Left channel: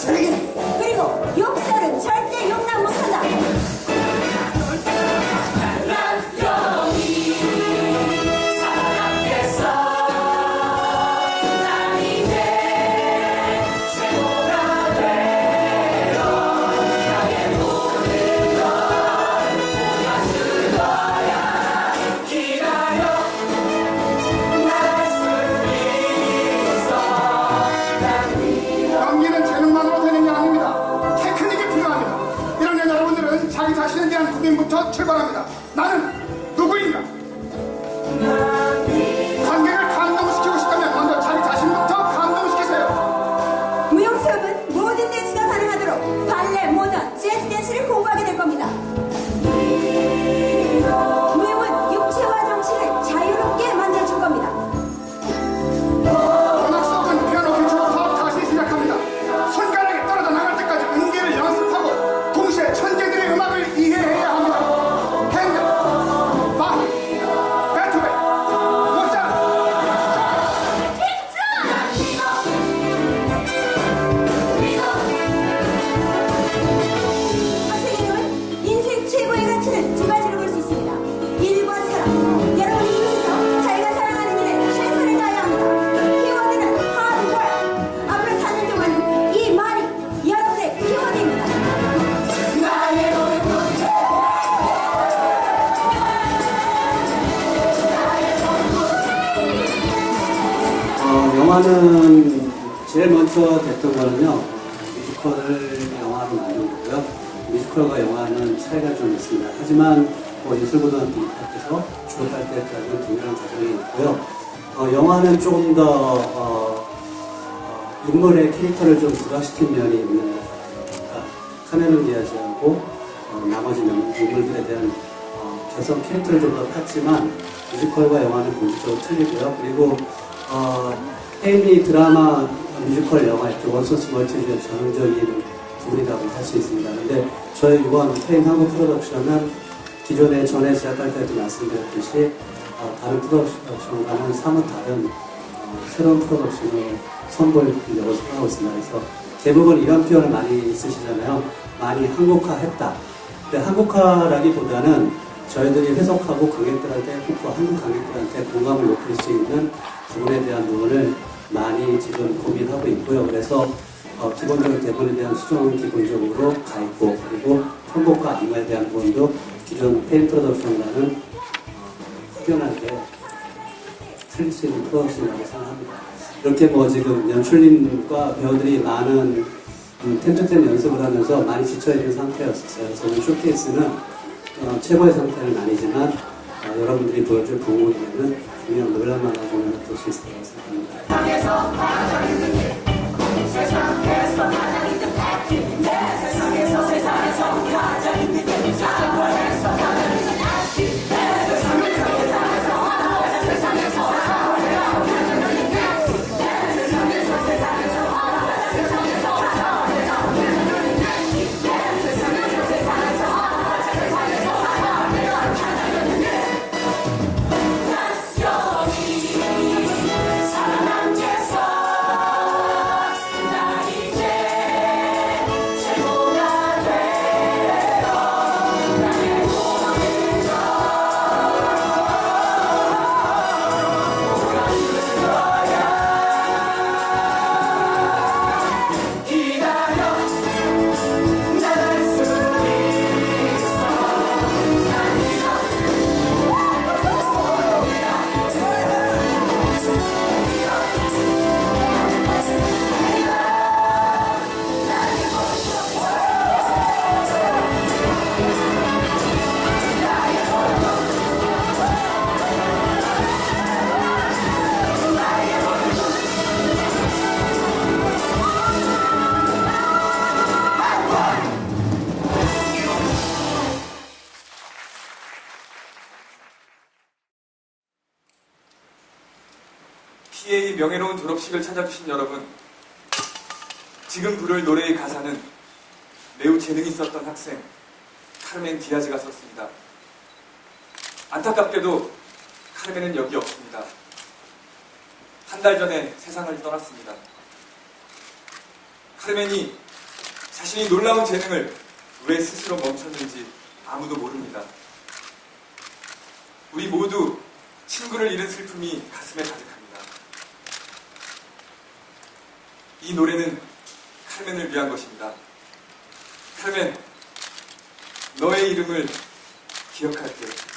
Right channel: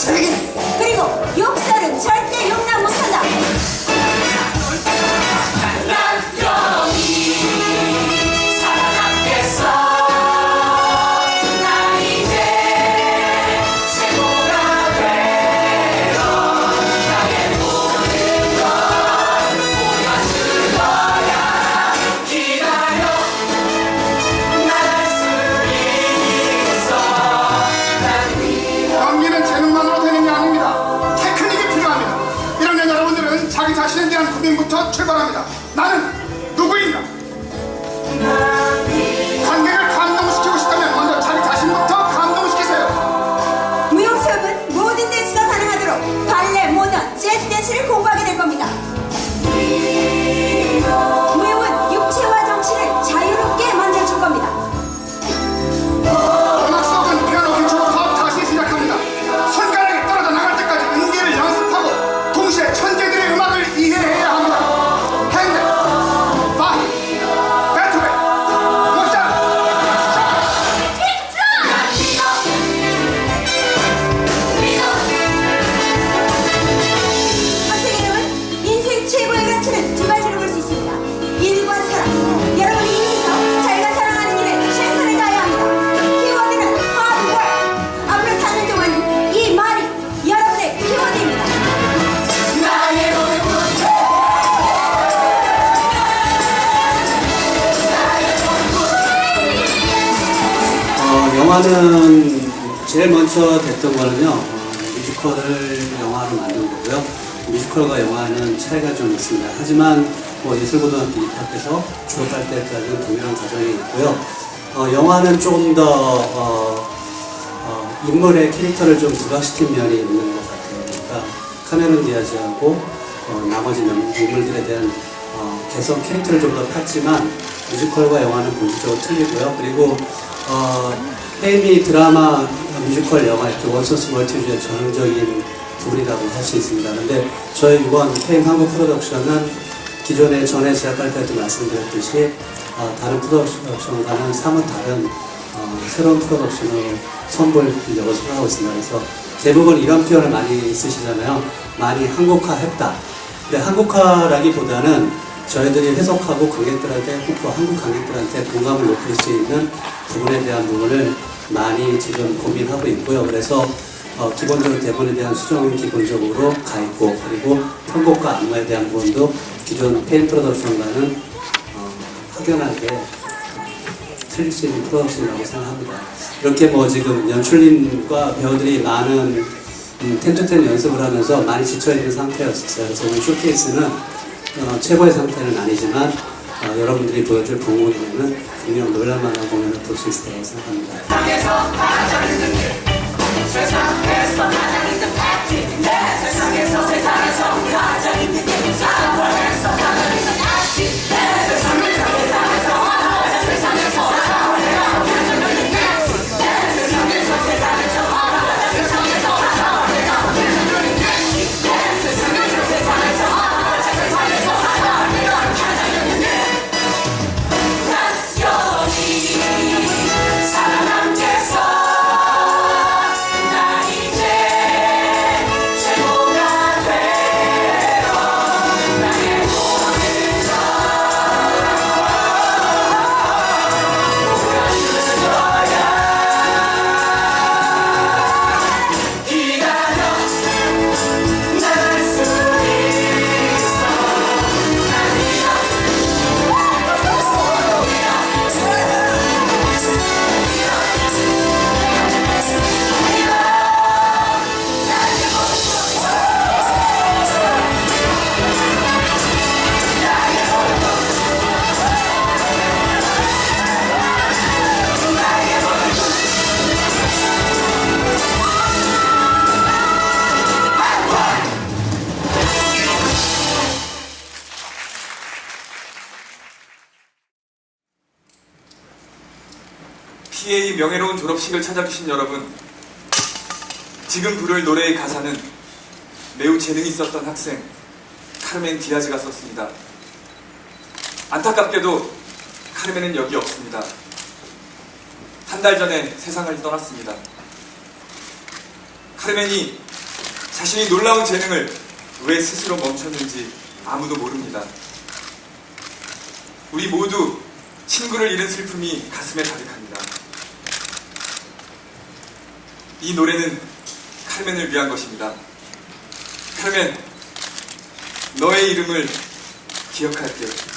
책임 그리고 욕설은 절대 용납 자신에 대한 고민부터 출발합니다. 나는 누구인가? 영화는 제일 먼저 됐던 거는요, 어, 뮤지컬을 영화로 만든 거고요. 뮤지컬과 영화는 차이가 좀 있습니다. 하지만 뭐 예술고등학교 입학해서 졸업할 때까지는 동일한 과정이 있고요. 어, 영화는 조금 더 어, 어, 인물의 캐릭터를 좀 부각시킨 면이 있는 것 같아요. 그러니까 카메론 디아즈하고 어, 나머지 명- 인물들에 대한 어, 개성 캐릭터를 좀더 팠지만 뮤지컬과 영화는 본질적으로 틀리고요. 그리고 어, 페이미 드라마, 뮤지컬, 영화 이렇게 원소스 멀티주의 전형적인 부분이라고 할 수 있습니다. 근데 저희 이번 페임 한국 프로덕션은 기존에 전에 제작할 때도 말씀드렸듯이 어, 다른 프로덕션과는 사뭇 다른 어, 새로운 프로덕션으로 선보이려고 생각하고 있습니다. 그래서 대부분 이런 표현을 많이 쓰시잖아요. 많이 한국화했다. 근데 한국화라기보다는 저희들이 해석하고 관객들한테 혹은 한국 관객들한테 공감을 높일 수 있는 부분에 대한 부분을 많이 지금 고민하고 있고요. 그래서 어, 기본적으로 대본에 대한 수정은 기본적으로 가 있고 그리고 편곡과 안무에 대한 부분도 기존 페인 프로덕션과는 어, 확연하게 틀릴 수 있는 프로덕션이라고 생각합니다. 이렇게 뭐 지금 연출님과 배우들이 많은 음, 텐트텐 연습을 하면서 많이 지쳐있는 상태였어요. 그래서 오늘 쇼케이스는 어, 최고의 상태는 아니지만 어, 여러분들이 보여줄 공공이면은 분명 놀랄만한 공연을 볼 수 있을 거라고 생각합니다. PA 명예로운 졸업식을 찾아주신 여러분, 지금 부를 노래의 가사는 매우 재능이 있었던 학생 카르멘 디아즈가 썼습니다. 안타깝게도 카르멘은 여기 없습니다. 한 달 전에 세상을 떠났습니다. 카르멘이 자신이 놀라운 재능을 왜 스스로 멈췄는지 아무도 모릅니다. 우리 모두 친구를 잃은 슬픔이 가슴에 가득합니다. 이 노래는 카르멘을 위한 것입니다. 카르멘, 너의 이름을 기억할게요.